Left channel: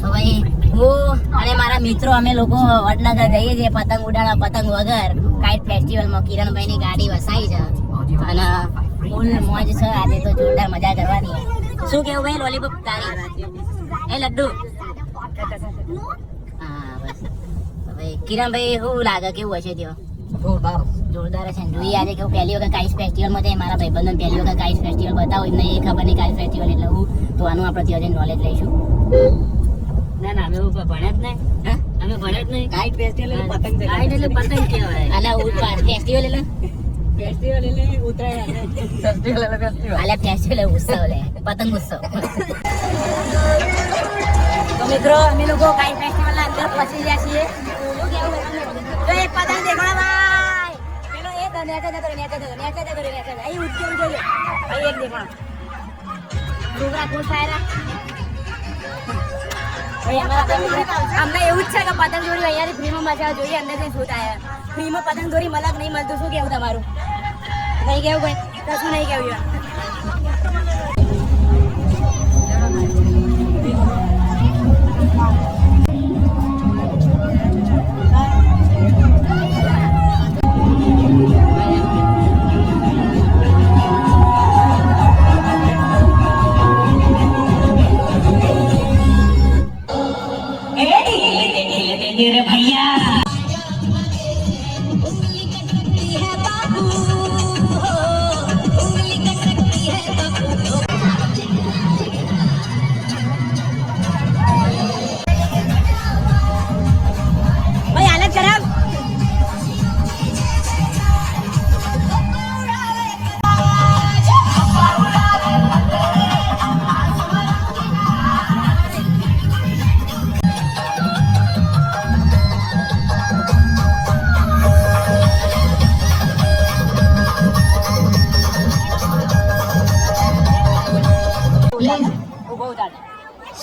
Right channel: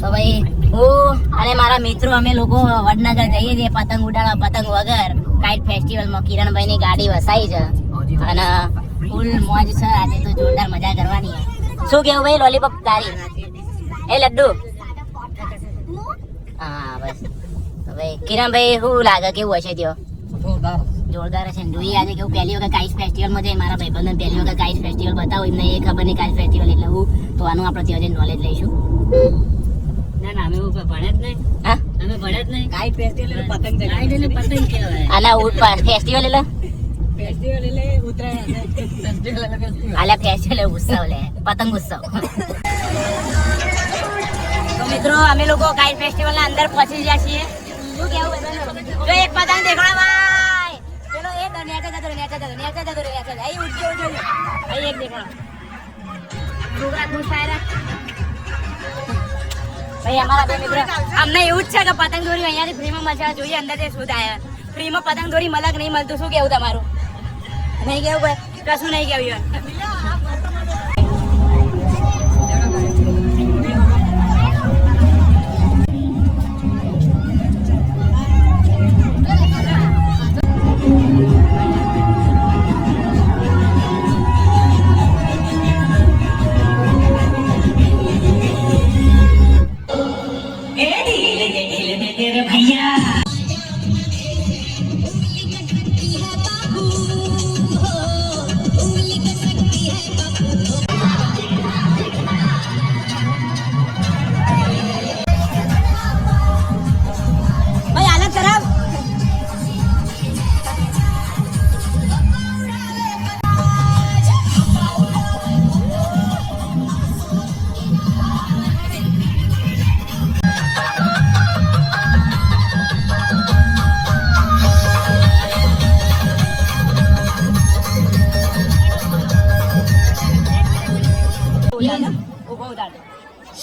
તો ભાઈ હું અને મારા મિત્રો અમે લોકો વડનગર જઈએ છીએ પતંગ ઉડાડવા પતંગ વગર કાઇટ ફેસ્ટિવલમાં. કિરણભાઈ ની ગાડી વસાઈ છે અને ફૂલ મોજ છે આજે તો જોરદાર મજા કરવાની. શું કેવું ભાઈ લોલીપોપ તારી? એ લડ્ડુ હા બસ. ભાઈ કિરણભાઈ શું લાગે કેવું હશે ત્યો? જોરદાર છે ને. જોઈએ આજે કેવું પહેલી વખત કાઇટ ફેસ્ટિવલમાં જાય. મારા ભાઈબંધને પહેલી વખત કાઇટ ફેસ્ટિવલ બતાવો એમને એ ખબર નહીં કાઇટ ફેસ્ટિવલ એટલે હું તો આનું આપણે ત્યાં નોલેજ લઈશું. ના ના અમે ભણ્યા જ નહીં. હા અમે ભણ્યા જ નહીં. કાઇટ ફેસ્ટિવલ એટલે પતંગ છે. કાઇટ એટલે પતંગ કહેવાય. આના ફેસ્ટિવલ એટલે ફેસ્ટિવલ એટલે ઉતરાયણ. ફેસ્ટિવલ એટલે ફેસ્ટિવલ. આલા ફેસ્ટિવલ ઉત્સવ લે પતંગ ઉત્સવ. મિત્રો અમે લોકો કાઇટ ફેસ્ટિવલ ના અંદર પહોંચી ગયા છીએ. શું કેવું જો એક પતંગ દેખાડો ભાઈ. પેલો એ નેચા જતો અહીં ઉઠ્યો અહીં એક દેખાડો. છોકરા ખુશ થયા. ભાઈ અમારા બે મિત્રો અમને એવું જ છે કે પતંગ દોરી અહીંયાથી ફ્રીમાં મજા જોઈએ. અંદરથી શોધ આવ્યા ફ્રીમાં પતંગ દોરી મલક નહીં મળતું. શું કેવું તમારું? નહીં કેવું ભાઈ? કશું નહીં કેવું.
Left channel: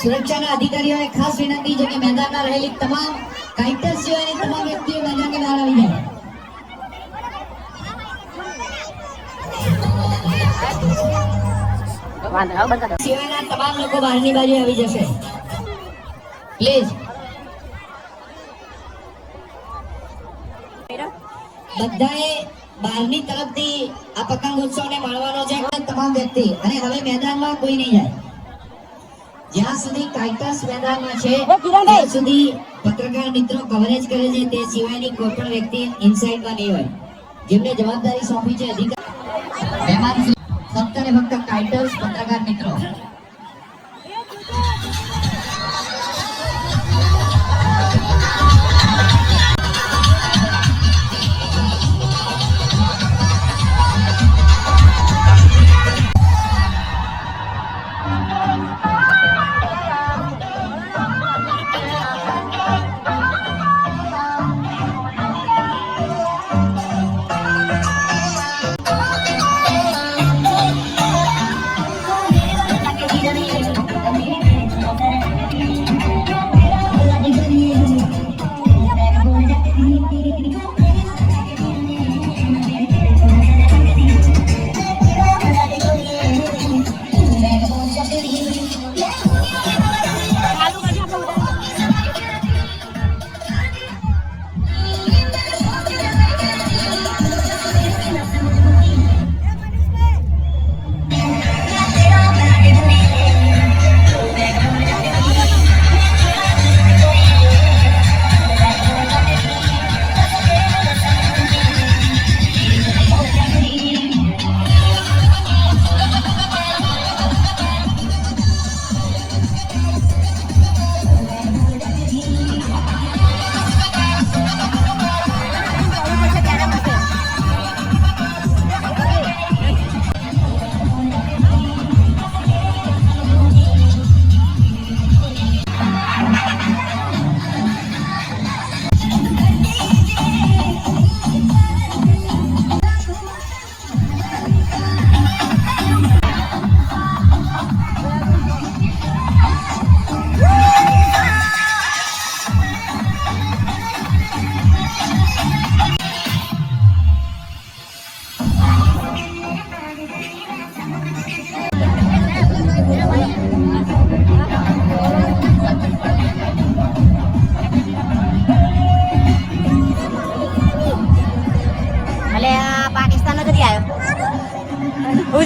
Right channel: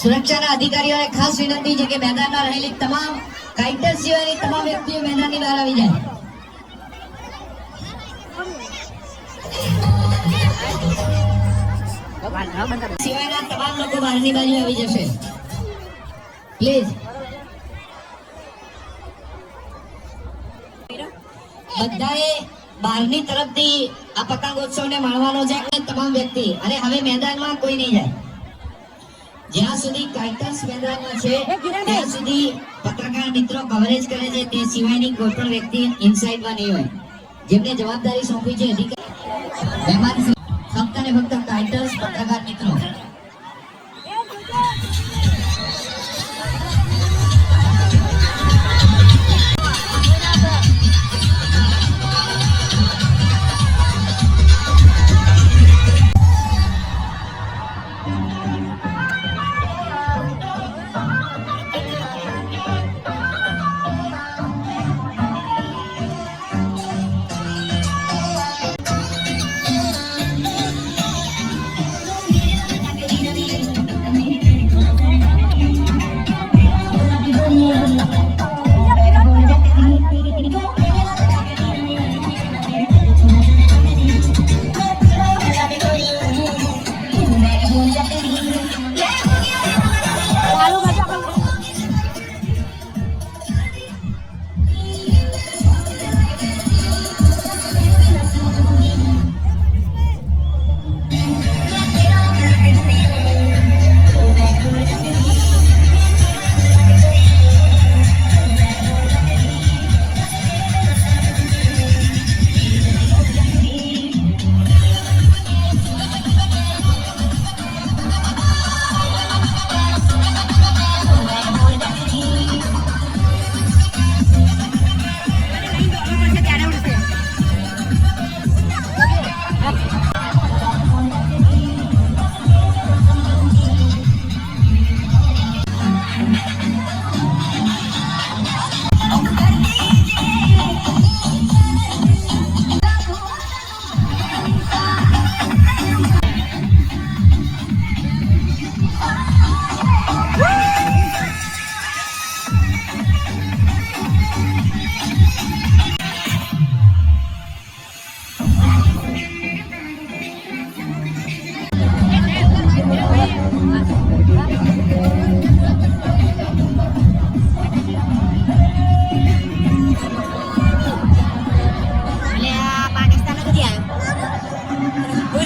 સુરક્ષાના અધિકારીઓને ખાસ વિનંતી છે કે મેદાનમાં રહેલી તમામ કાઇટર્સ સિવાયની તમામ વ્યક્તિઓ મેદાનની બહાર આવી જાય. સિવાયના તમામ લોકો બહારની બાજુ આવી જશે પ્લીઝ. બધાએ બહારની તરફથી આ પતંગ ઉત્સવને માણવાનો છે તમામ વ્યક્તિ. અને હવે મેદાનમાં કોઈ નહીં જાય. જ્યાં સુધી કાઇટર્સ મેદાનમાં છે ત્યાં સુધી પત્રકાર મિત્રો કવરેજ કરે છે. તે સિવાયની કોઈ પણ વ્યક્તિ ઇનસાઇડમાં નહીં હોય. જેમને જવાબદારી સોંપી છે અધિકારી મહેમાન ફક્ત ને ફક્ત કાઇટર્સ પત્રકાર મિત્રો.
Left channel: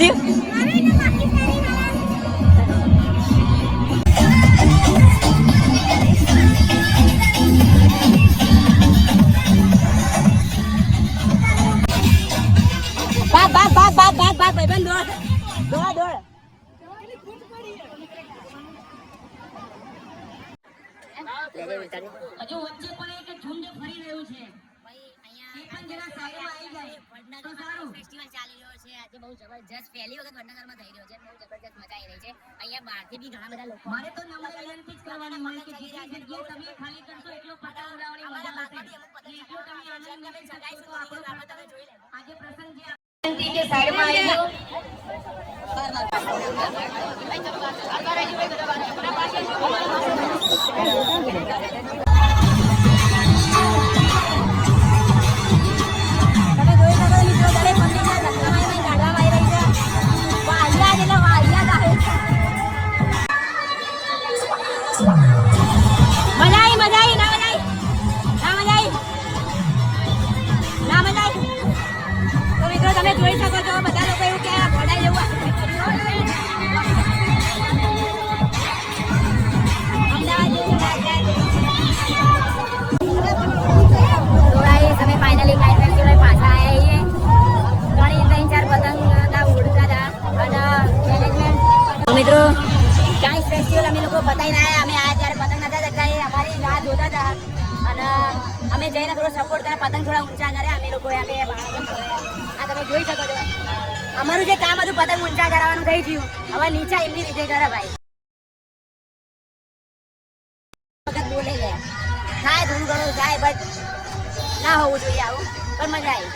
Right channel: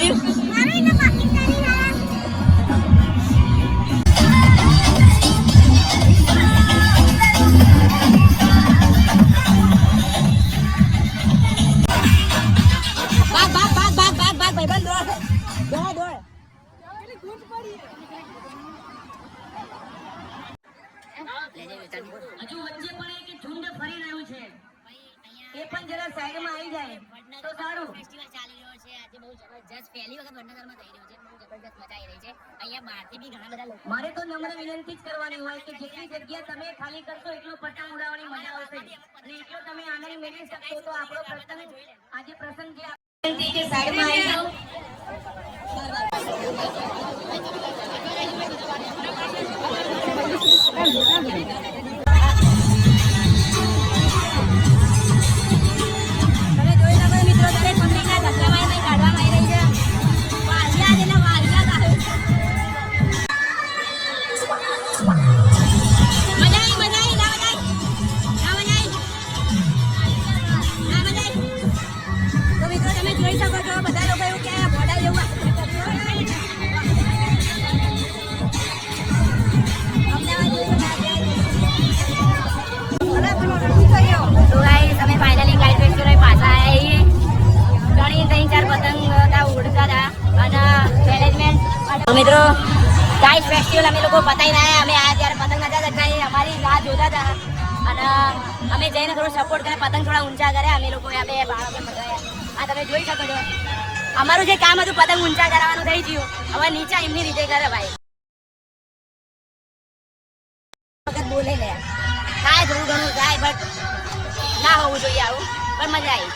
થયું? ભાગ ભાઈબંધ દોડ દોડ. હજુ વચ્ચે પણ એક ઝુંડ ફરી રહ્યું છે. એ પણ જરા સાઈડમાં આવી જાય તો સારું. ફેસ્ટિવલ ચાલી રહ્યો છે આજે બહુ જબરજસ્ત પહેલી વખત વડનગરમાં થઈ રહ્યો છે બહુ જબરજસ્ત મજા આવી રહી છે અહીંયા બહારથી બી ઘણા બધા લોકો મારે તો નમ્ર વિનંતી જ કરવાની હોય કે જેટલી જગ્યા તમે ખાલી કરશો એટલો પતંગ ઉડાવવાની મજા આવશે અને એટલો તમે આનંદ મેળવી શકશો તો આપણો પતંગ આજે પ્રસંગ જે વિનંતી કે સાઈડમાં આવી જાઓ. તમે જોઈ શકો છો મિત્રો ઘણી પબ્લિકને ધક્કામાં કાઢવામાં આવી રહી છે વાહિયાત એટલે વાહિયાત આવે. મજા આવી ના મજા આવી. તો મિત્રો તમે જોઈ શકો છો બધા લોકો એવું કે બોડા જેવું અમદાવાદ જેવું લાગે. તો ગાઈસ અમે ફાઇનલી કાઇટ ફેસ્ટિવલ પાછા આવ્યા છીએ. ઘણી 3-4 પતંગ ઉડતા હતા અને મેનેજમેન્ટ. તો મિત્રો કાઇટ ફેસ્ટિવલ અમે લોકો બતાવી રહ્યા. અમે આ જ્યારે પતંગ નતા ચગાવી અમારી રાહ જોતા હતા અને અમે જઈને થોડો સપોર્ટ કર્યા. પતંગ થોડા ઊંચા કર્યા અમે લોકો. આ તમે જોઈ શકો છો અમારું જે કામ હતું પતંગ ઊંચા કરાવવાનું થઈ ગયું. હવે નીચે એમની રીતે કરે ભાઈ. વખત બોલે લે થાય થોડું ઘણું થાય બટ ના હોવું જોઈએ આવું પણ મજા આવી.